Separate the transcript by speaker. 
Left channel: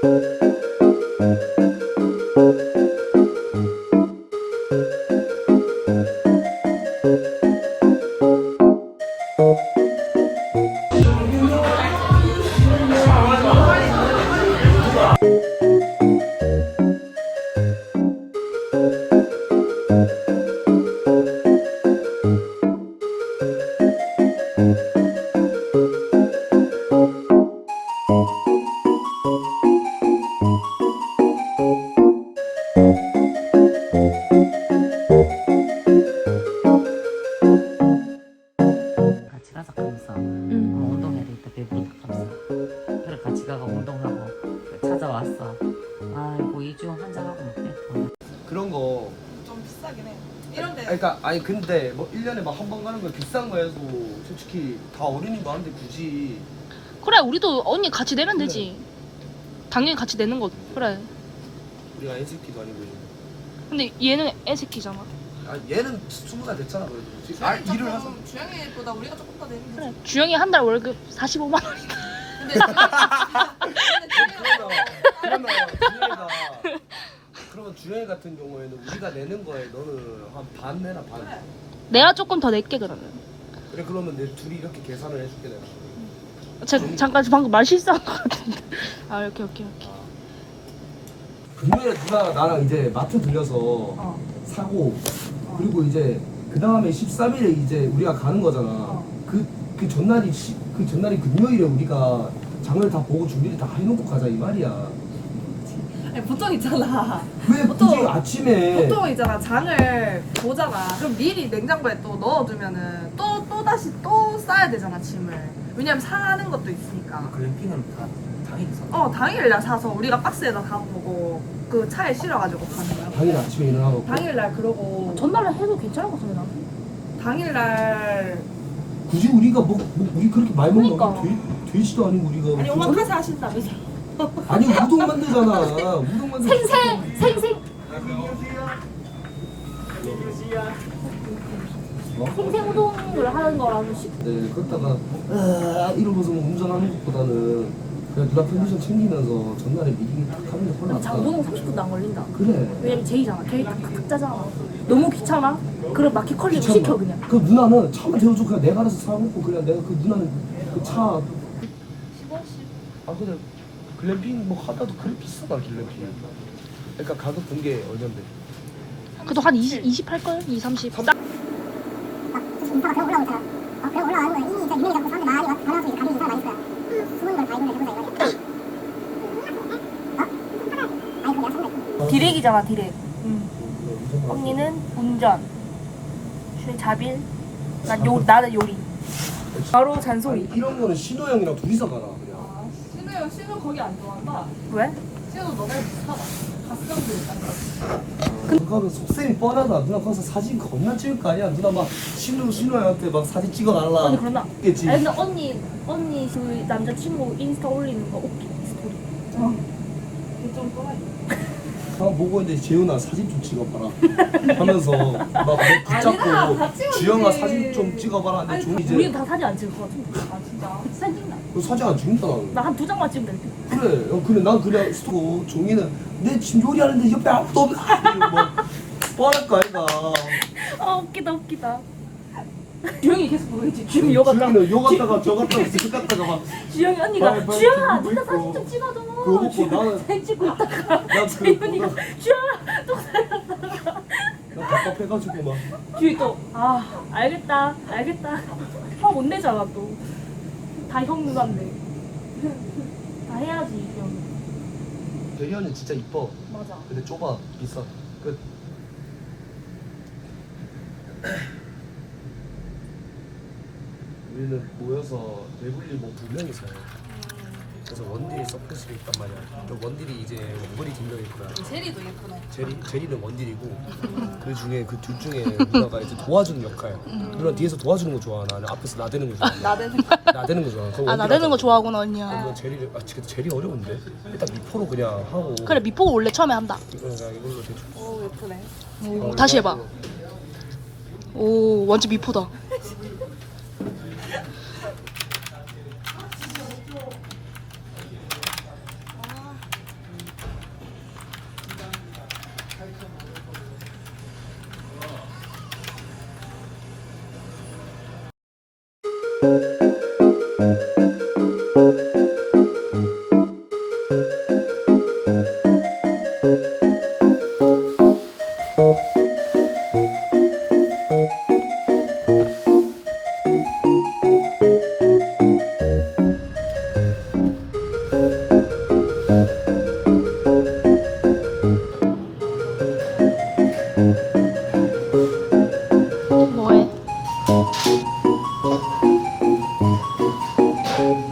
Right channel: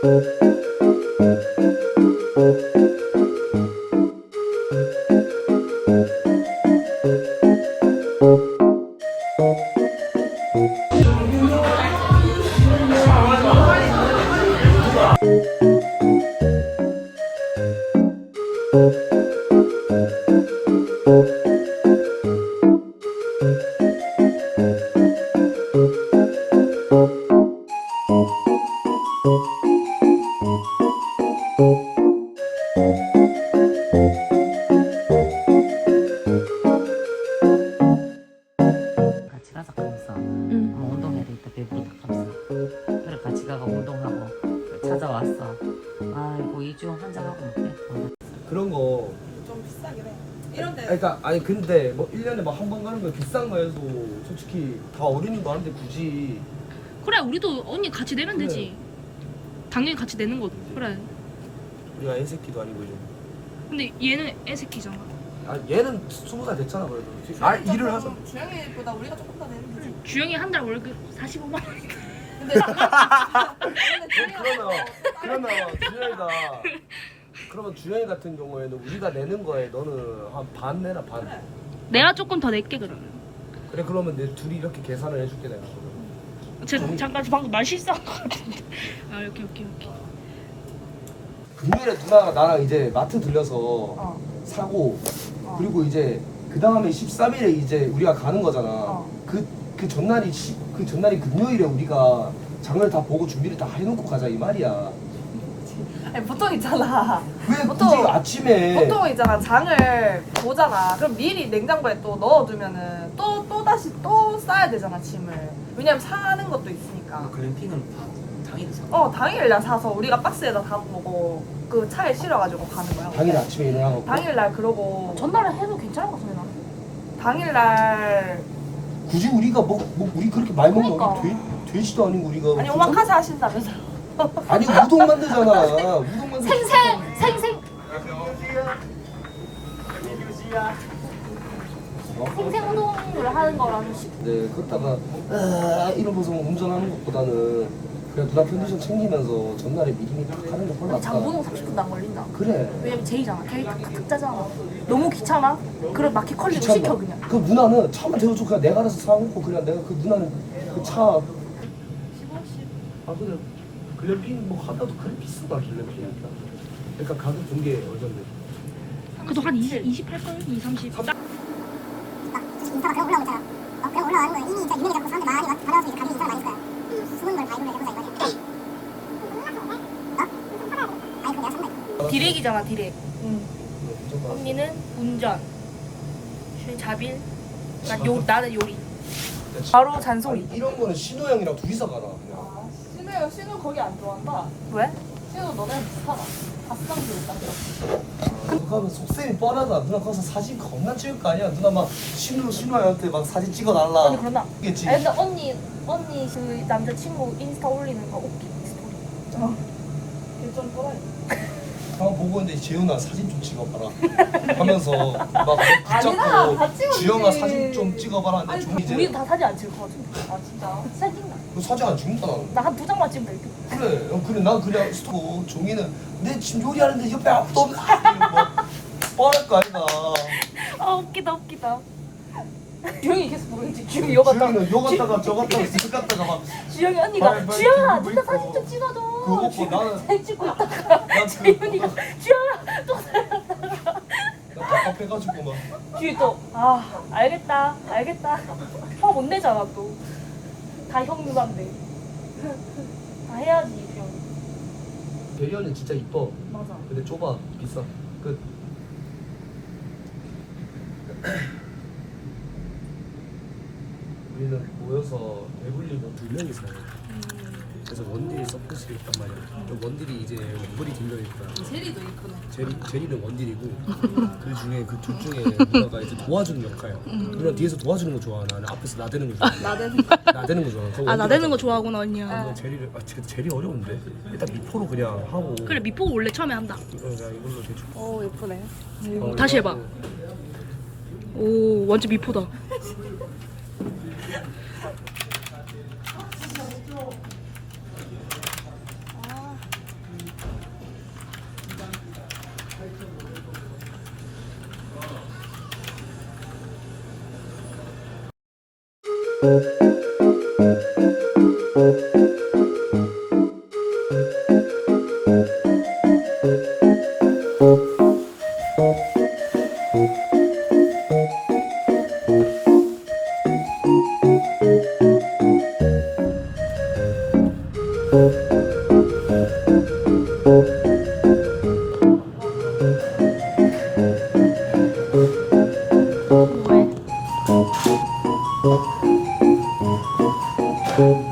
Speaker 1: 같이 가자 하면서 운동해야 되겠다 배부르다 하면서 그래 같이 가가 운동하고 찾아왔어. 아이고 이중 한잔하고 먹게.
Speaker 2: 그런 거
Speaker 3: 좀 비싸긴 해. 이런데
Speaker 2: 그러니까 아니 근데 뭐 1년에 막 한 번 가는 거 비싼 거여도 솔직히 다 어른이 많은데 굳이
Speaker 4: 그래 우리도 언니 같이 내면
Speaker 2: 그래.
Speaker 4: 되지. 당연히 같이 내는 거 그래.
Speaker 2: 우리가 애새끼도 아니고 이제
Speaker 4: 근데 얘는 애새끼잖아.
Speaker 2: 아 얘는 20살 됐잖아 그래도 일을 하서
Speaker 3: 주영이보다 우리가 조금 더 내는
Speaker 4: 그래.
Speaker 3: 거지.
Speaker 4: 주영이 한 달 월급 45만 원이다.
Speaker 3: 근데
Speaker 2: 그러면 주영이 같은 경우에는 우리가 내는 거에 너는 한 반 내나 반.
Speaker 4: 내가 조금 더 낼게 그러면.
Speaker 2: 그래 그러면 내 둘이 이렇게 계산을 해줄게 내가.
Speaker 4: 잠깐 방금 말 실수한 거 같은데. 아 오케이.
Speaker 2: 금요일에 누나가 나랑 이제 마트 들려서 사고 그리고 이제 그 다음에 13일에 이제 우리가 가는 거잖아. 그 전날이 그 전날이 금요일에 우리가 장을 다 보고 준비를 다 해놓고 가자 이 말이야.
Speaker 3: 아니, 보통 있잖아.
Speaker 2: 왜
Speaker 3: 보통-
Speaker 2: 굳이 아침에
Speaker 3: 보통 있잖아. 장을 보잖아. 그럼 미리 냉장고에 또 넣어두면은 또 다시 또 싸야 되잖아 짐을. 왜냐면 상하는 것도 있으니까.
Speaker 1: 글램핑은 다 당일에 사.
Speaker 3: 당일날 사서 우리가 박스에다 담고 그 차에 실어가지고 가는 거야.
Speaker 2: 당일 아침에 일어나고
Speaker 3: 당일날 그러고
Speaker 4: 전날에 해도 괜찮을 것 같은데 나는.
Speaker 3: 당일날
Speaker 2: 굳이 우리가 뭐 우리 그렇게 많이 먹는
Speaker 4: 그러니까.
Speaker 2: 돼지도 아니고 우리가
Speaker 3: 아니 오마카세 하신다면서.
Speaker 2: 아니 우동 만들잖아. 우동 만들.
Speaker 4: 생생 생생 우동을 하는 거라서
Speaker 2: 네, 걷다가 이러면서 뭐 운전하는 것보다는 그냥 누나 편디션 챙기면서 전날에 미리 탁 하는 게 훨씬 낫다.
Speaker 4: 장보동 30분도 안 걸린다.
Speaker 2: 그래.
Speaker 4: 왜냐면 제이잖아. 걔 탁탁 짜잖아. 너무 귀찮아? 그럼 마켓 컬리로
Speaker 2: 귀찮아.
Speaker 4: 시켜 그냥.
Speaker 2: 그럼 누나는 차만 태워줘. 그냥 내가 알아서 사먹고 그냥 내가 그 누나는 그 차.
Speaker 3: 15씩.
Speaker 2: 아 근데 글램핑 뭐 하다도 그래 비싸다 글램핑. 그러니까 가격 둔게 어딘데?
Speaker 4: 그래도 한 20 할걸? 20, 30.
Speaker 5: 인파가 그냥 올라오고 있잖아. 그냥 올라가는 거야. 이미 진짜 유명해졌고 사람들 많이 받아와서 이제 가격이 인상을 많이 했어요. 숨은 걸 다 이걸로 해보자 이거야. 아니 그럼 내가 산다.
Speaker 4: 디렉이잖아 디렉. 언니는 운전. 자빌. 나는 요리. 바로 잔소리.
Speaker 2: 아니, 이런 거는 신호 형이랑 둘이서 가라 그냥.
Speaker 3: 신우 거기 안 좋아한다.
Speaker 4: 왜?
Speaker 3: 신우 너무 못하다. 가스감도 있다.
Speaker 2: 그거는 속셈이 뻔하다. 누나 거기서 사진 겁나 찍을 거 아니야. 누나 막 신우한테 막 사진 찍어달라.
Speaker 4: 언니 그러나?
Speaker 2: 겠지.
Speaker 4: 아니 근데 언니 그 남자친구 인스타 올리는 거 웃기 스토리.
Speaker 3: 좀 또라이.
Speaker 2: 형 보고 있는데 재훈아 사진 좀 찍어봐라 하면서 막 붙잡고
Speaker 3: 아니야, 다 찍어주지.
Speaker 2: 주영아 사진 좀 찍어봐라 하는데
Speaker 3: 아니,
Speaker 2: 좀 이제
Speaker 4: 우리는 다 사진 안 찍을 것 같은데.
Speaker 3: 아 진짜.
Speaker 4: 사진 찍나?
Speaker 2: 그 사진 안 찍는다 나는.
Speaker 4: 나 한 2장만 찍으면 될 듯.
Speaker 2: 그래 그래 난 그냥 스토 종이는 내 지금 요리하는데 옆에 아무도 없는 뭐 뻔할 거 아이가.
Speaker 4: 아 웃기다. 주영이 계속 모르겠지. 주영이 여 갔다.
Speaker 2: 주영이는 요 갔다가 저 갔다가 저 갔다가 막
Speaker 4: 주영이 언니가
Speaker 2: 빨리
Speaker 4: 주영아
Speaker 2: 찍고
Speaker 4: 네가
Speaker 2: 있고.
Speaker 4: 사진 좀 찍어줘.
Speaker 2: 그거 먹고 나는
Speaker 4: 사진 찍고 있다가
Speaker 2: 나
Speaker 4: 주영이가
Speaker 2: 그거
Speaker 4: 주영아 또
Speaker 2: 나 답답해가지고 막
Speaker 4: 뒤에 또 알겠다 형 못 내잖아 또 다 형 누나인데 다 해야지 주영이.
Speaker 2: 배현은 진짜 이뻐.
Speaker 4: 맞아.
Speaker 2: 근데 좁아 비싸. 그 우리는 모여서 배불리 뭐 2명이서 그래서 원딜이 서포트가 있단 말이야. 그 원딜이 이제 원거리 2명 있구나.
Speaker 3: 제리도 예쁘네.
Speaker 2: 제리는 원딜이고 그 중에 그 둘 중에 누나가 이제 도와주는 역할. 누나 뒤에서 도와주는 거 좋아하나? 아니면 앞에서 나대는 거 좋아하나? 나대는 거 좋아하나?
Speaker 4: 나대는 거 좋아하구나 언니야.
Speaker 2: 그러면 제리를 근데 제리 어려운데 일단 미포로 그냥 하고.
Speaker 4: 그래 미포 원래 처음에 한다.
Speaker 2: 그냥 이걸로 대충.
Speaker 3: 오 예쁘네.
Speaker 4: 다시 해봐. 오 완전 미포다. 뭐해?